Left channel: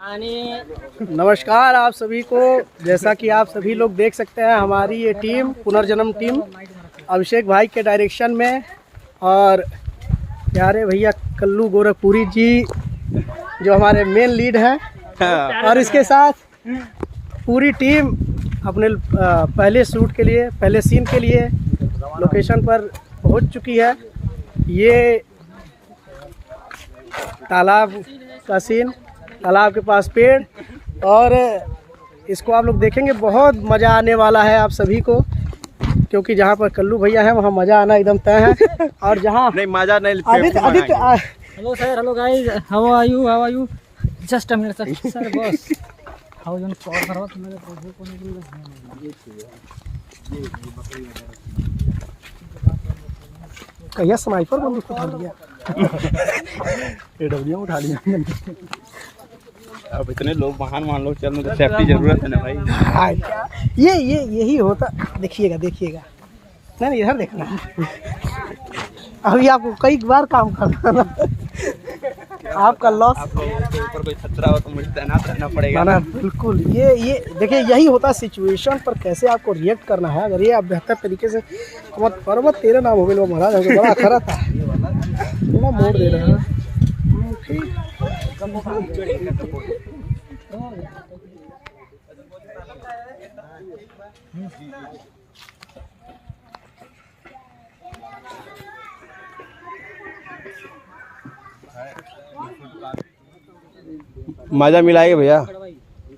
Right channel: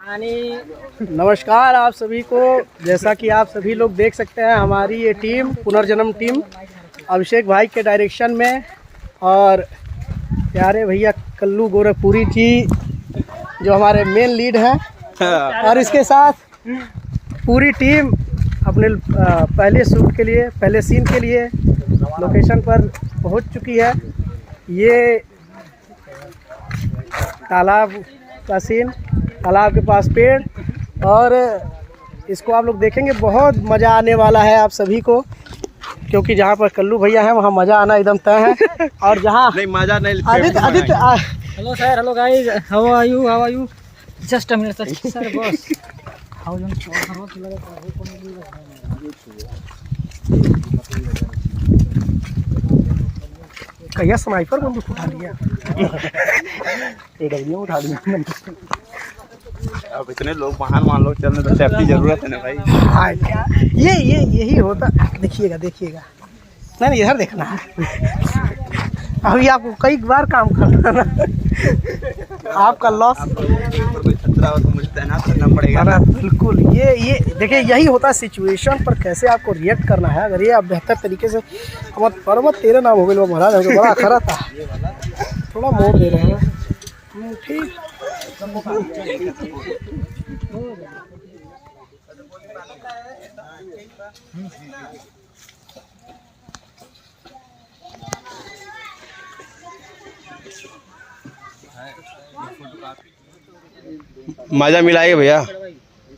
नमस्कार आप सभी को। जैसा कि आप सभी लोग देख सकते हैं, हमारी ये टीम पुनर्जन्म टीम अभिषेक भाई के डायरेक्शन में और प्यारे भैया कल्लू गोरखपुरी जी जो हमारे मेन लीड हैं और इसके साथ पूरी टीम अपने पहले शूट के लिए, पहले सीन के लिए लोकेशन पर पहुंच चुकी है। ये तालाब का सीन, तालाब के पास पेड़, और इसको आप लोग देखेंगे, बहुत मज़ा आने वाला है आप सभी को, क्योंकि जहाँ पर कल्लू भैया हैं वहाँ मज़ा आना एकदम तय है। और जहाँ नहीं मज़ा नहीं, Aditya hello sir, hello guys, how are you just a minute sir boss how you कहिया स्नाइपर बंदूक उठा लिया एडब्ल्यू उठा लिया। अब इतने लोग महान मान लोग चलने तो सेफ्टी जरूरत है ना भाई। हाँ, यही होता। देखिएगा नहीं इधर देखना है। अभी आपको कई बार काम करना ना, आपका लॉस। आप लोगों के ऊपर कोई खतरा हो तो मुझे तैनात रहना पड़ेगा ना। बिल्कुल, ये देखिए, यही होता है सिचुएशन पर कैसे आपको रिएक्ट करना है। अगर ये आप बेहतर तरीके से, हमारे पर्वत तेरे नाम हो गए महाराज, हमको बड़ा खरा था, थोड़ा मोड़ दे रहे हैं ठीक। मज़ा मिलाएगा भैया,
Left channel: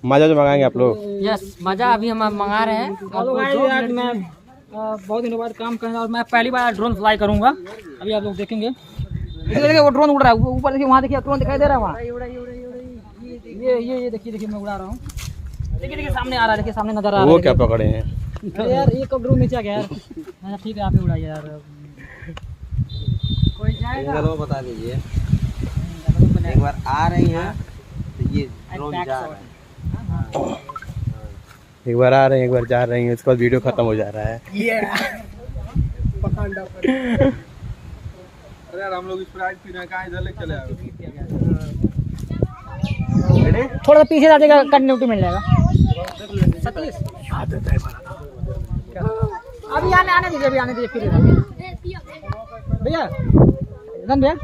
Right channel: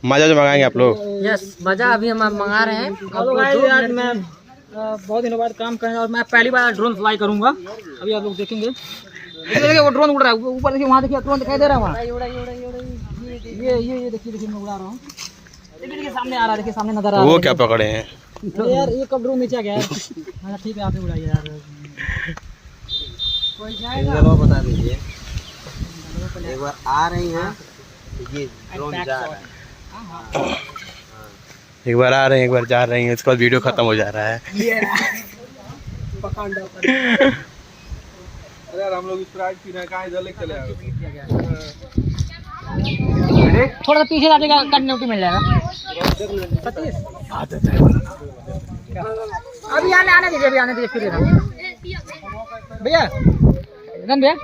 मज़ा जो मंगाएंगे आप लोग। यस, मज़ा अभी हम मंगा रहे हैं। आज मैं बहुत दिनों बाद काम कर रहा हूँ और मैं पहली बार ड्रोन फ्लाई करूँगा। अभी आप लोग देखेंगे, देखिए वो ड्रोन उड़ रहा है ऊपर, देखिए वहाँ, देखिए ड्रोन दिखाई दे रहा है वहाँ। ये देखिए मैं उड़ा रहा हूँ। देखिए सामने आ रहा है, देखिए सामने नजर आ रहा है। वो क्या पकड़े हैं यार, ये कब ड्रोन नीचे आ गया यार। हाँ ठीक है, आप ही उड़ाइए यार। कोई जाएगा बता दीजिए, एक बार आ रही हैं ये ड्रोन जा रहा है, एक बार आ रहे हैं, एक बार जा रहे हैं, उसके बाद वीडियो खत्म हो जा रहा है। अरे यार हम लोग स्प्राइट पी रहे हैं, कहाँ इधर लेके चले आए। थोड़ा सा पीछे जाएगा, कंटिन्यूटी मिल जाएगा। सतीश अभी आने दीजिए, अभी आने दीजिए, फिर भैया रन भैया।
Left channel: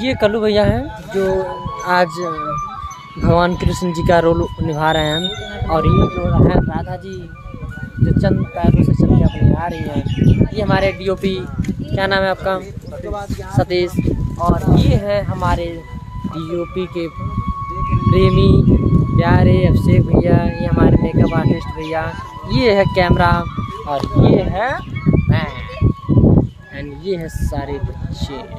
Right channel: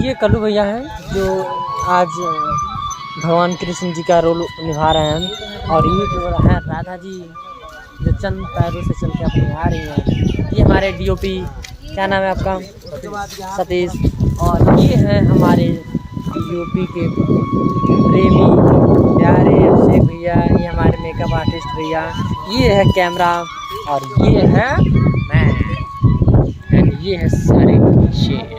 ये कल्लू भैया हैं जो आज भगवान कृष्ण जी का रोल निभा रहे हैं, और ये जो है राधा जी जो चंद पैरों से चल के अपने आ रही हैं। ये हमारे डीओपी, क्या नाम है आपका? सतीश। और ये हैं हमारे डीओपी के प्रेमी प्यारे अभिषेक भैया, ये हमारे मेकअप आर्टिस्ट भैया, ये है कैमरा, और ये है मैं, ये है सारे बच्चे।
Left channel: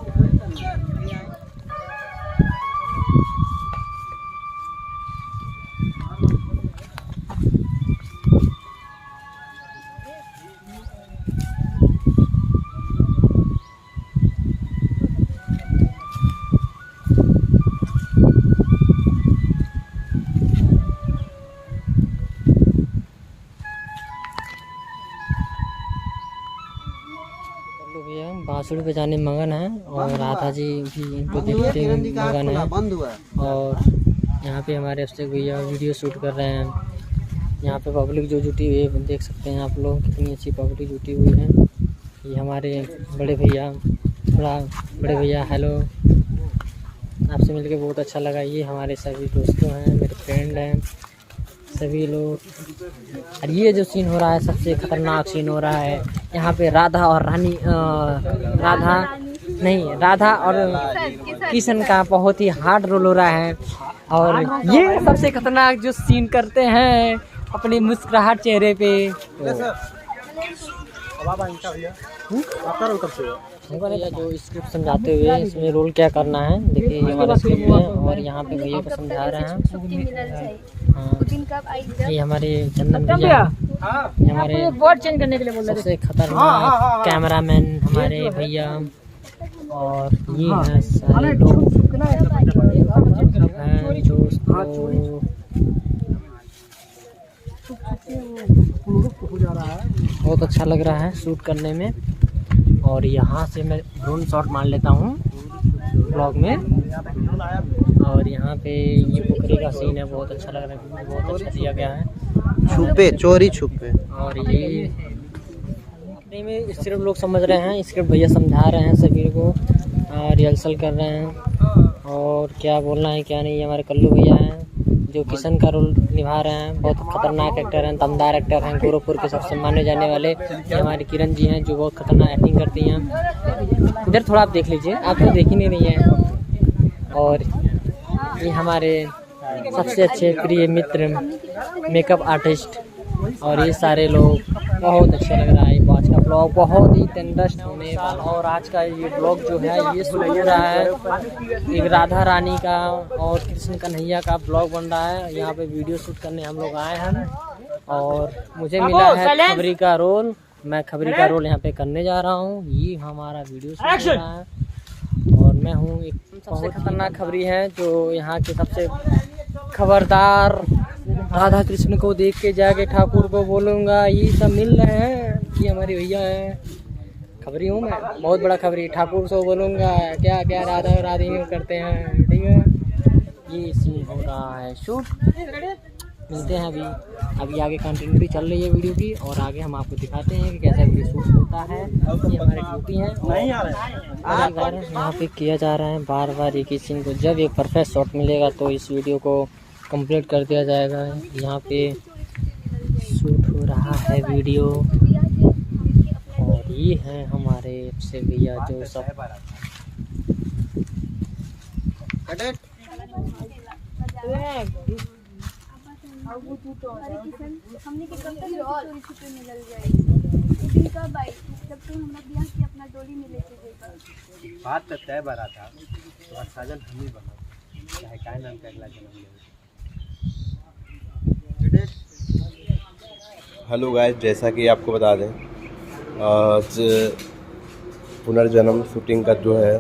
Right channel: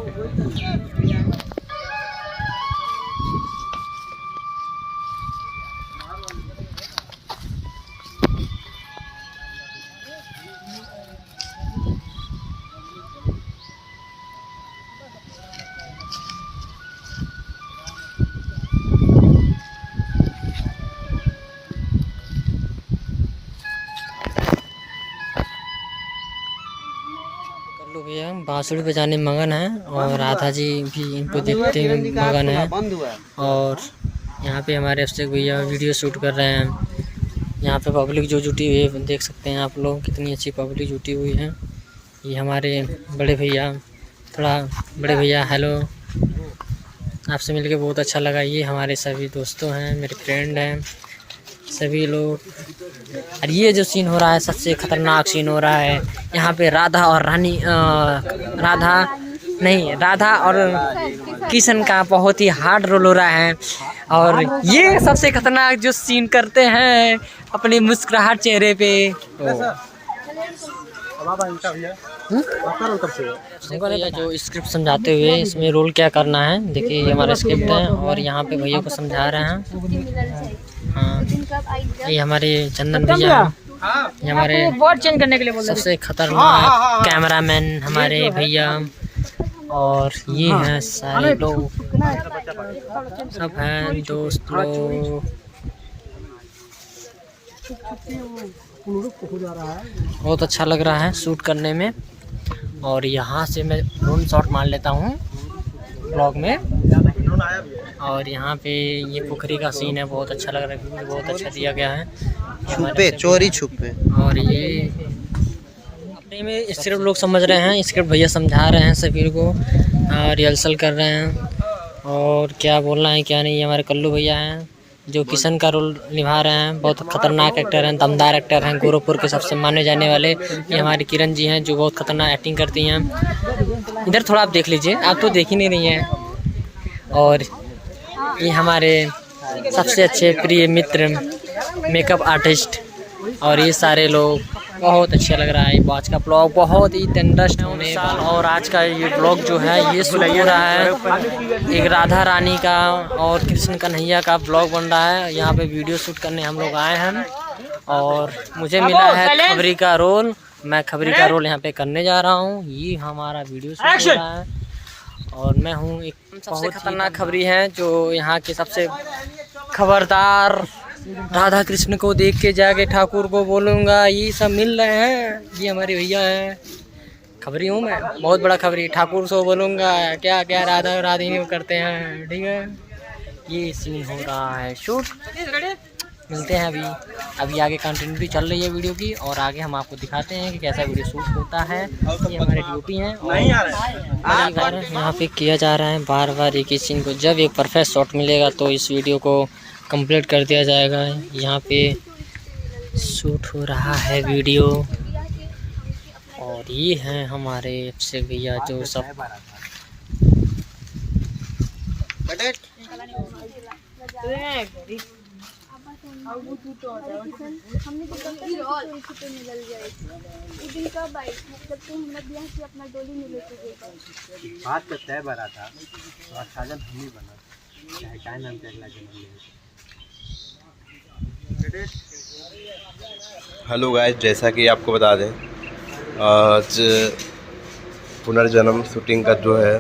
भैया बांसुरी बजाने मगन है, और राधा जी भी इनको देखते हुए मगन है। और यहाँ पे हमारे अभिषेक भैया वीडियो शूट कर रहे हैं। यहाँ पे पब्लिक जो जुटी हुई है, देख सकते हैं आप लोग, कितनी अच्छी पब्लिक जुटी हुई है। ये हमारे बड़े भैया, थोड़ा बड़े भैया, हेलो, आपसे मिलके बहुत अच्छा लगा। ये हमारे सभी दोस्तों हैं, मेरे फ्रेंड हैं सभी लोग। और ये जो सीन हो रहा है, सबसे खतरनाक सीन हो रहा है। यहाँ पे राधा और राधा और किशन का बहुत ही हार्ड रोल हो रहा है। और ये सबसे खतरनाक जो सीन करते हैं अपने मुस्कुराहट चेहरे पे। भैया जो स्क्रिप्ट समझाते हुए इसमें रोल क्या करना है, देखिए ये हमारा स्क्रिप्ट है, और यहाँ पे भैया को समझा रहे हैं। हाँ, ये हमारे चंदन भैया, ये हमारे सबसे खतरनाक कैमरामैन हमारे भैया, और ये हैं सारे लोग, सब हैं दोस्त लोग। बहुत अच्छा लग रहा है शूट करने में। और यहाँ से मैं ड्रोन शॉट मार लेता हूँ। ब्लॉग में। और यहाँ पे ये पोखरी का सीन है, बहुत अच्छा लग रहा है, मुझे बहुत अच्छा दिया गया है। छुपे चोरी छुपे। और ये अपने में स्क्रिप्ट लोग समझ रहे हैं, स्क्रिप्ट भैया समझा रहे हैं सभी को, रिहर्सल कर रहे हैं और क्या बोलना है क्या नहीं। हमारे कल्लू भैया हैं जो किशन का रोल निभा रहे हैं, बहुत खतरनाक एक्टर हैं, दमदार एक्टर हैं, गोरखपुर के सबसे माने जाने वाले। ये हमारे किरण जी हैं जो बहुत खतरनाक एक्टिंग करती हैं। इधर थोड़ा आप देख लीजिए, आप तो देख ही नहीं रही हैं। और ये हमारे सबसे अच्छे प्रिय मित्र मेकअप आर्टिस्ट, और ये सारे लोग, बहुत अच्छा लग रहा है। आज का ब्लॉग बहुत ही इंटरेस्ट होने साल, और आज का ये ब्लॉग जो है ये शूट हो रहा है एक राधा रानी का और कृष्ण कन्हैया का ब्लॉग बन रहा है। यहाँ पे वीडियो शूट करने हम लोग आए हैं और मुझे मिला है खबरी का रोल। मैं खबरी का रोल यहाँ पे करने जा रहा हूँ। ये हमारा वीडियो शूट हो रहा है और मैं हूँ एक सबसे खतरनाक खबरी है जो यहाँ के सबसे खबरदार। राधा कृष्ण को देख के जाके ठाकुर को बोलूँगा ये सब मिल रहे हैं कि हमारे भैया हैं। खबरी हूँ मैं, बहुत बड़ा खबरी। ठाकुर को बोलूँगा क्या क्या राधा राधिनी करते हैं, ठीक है। ये सीन हो रहा है शूट। मिलते हैं अभी आगे कंटिन्यूटी चल रही है वीडियो की, और आगे हम आपको दिखाते हैं कि कैसा वीडियो शूट होता है। ये हमारे ड्यूटी है यहाँ पे किया जा रहा है बार बार एक ही सीन को। जब एक परफेक्ट शॉट मिलेगा तो इस वीडियो को कंप्लीट कर दिया जाएगा। यहाँ पे शूट हो रहा है वीडियो, और ये हैं हमारे अभिषेक भैया जो सब हमने तो कब तक छुपे निकल जाएगी। दिन कब आई जब तू हमरा बियाह से अपना डोली में लेके गई। बात तो तय बरा था और साजन हम ही बना, चाहे टाइम हम अगला जन्म में। हेलो गाइस, जैसा कि आपको बता दें आज पुनर्जन्म शूटिंग का जो है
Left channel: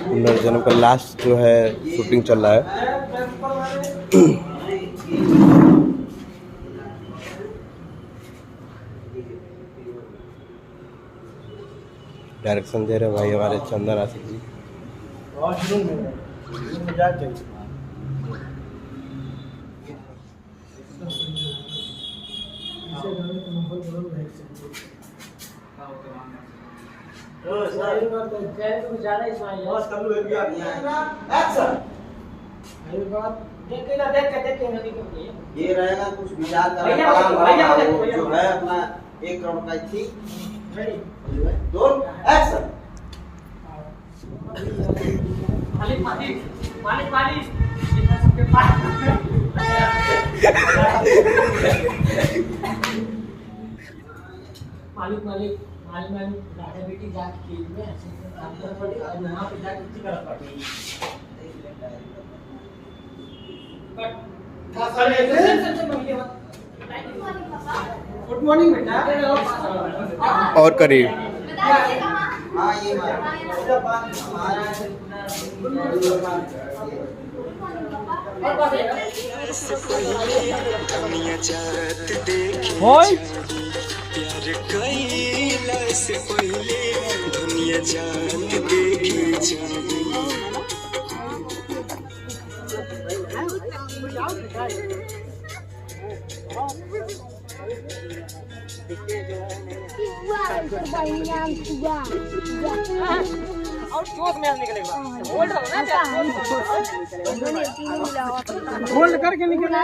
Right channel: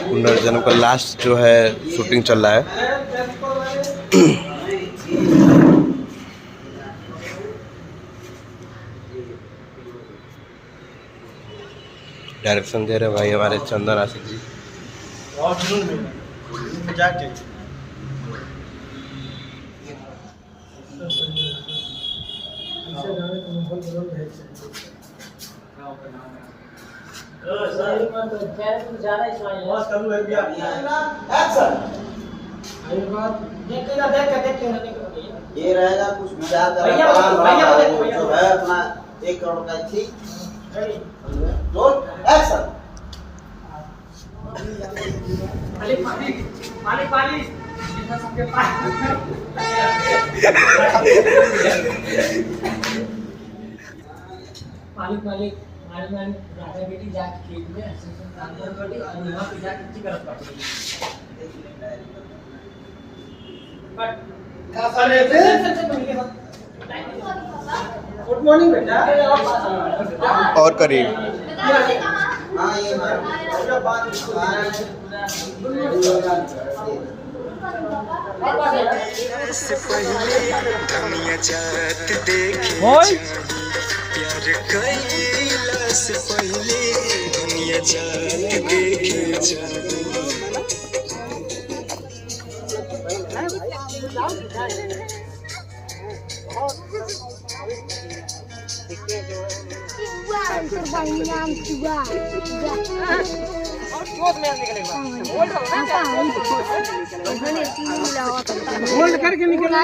पुनर्जन्म का लास्ट जो है शूटिंग चल रहा है। डायरेक्शन दे रहे भाई हमारे चंदन आशिक जी। ये रहेगा कुछ विचार कर जो है अपना 1 करोड़ का थी। Roll action. मालिक राधा बेटी जाके खेत में वहाँ पे जाके करत बाटी। गुड मॉर्निंग बेटा। और करीब हाँ ये होल्ड करके निकल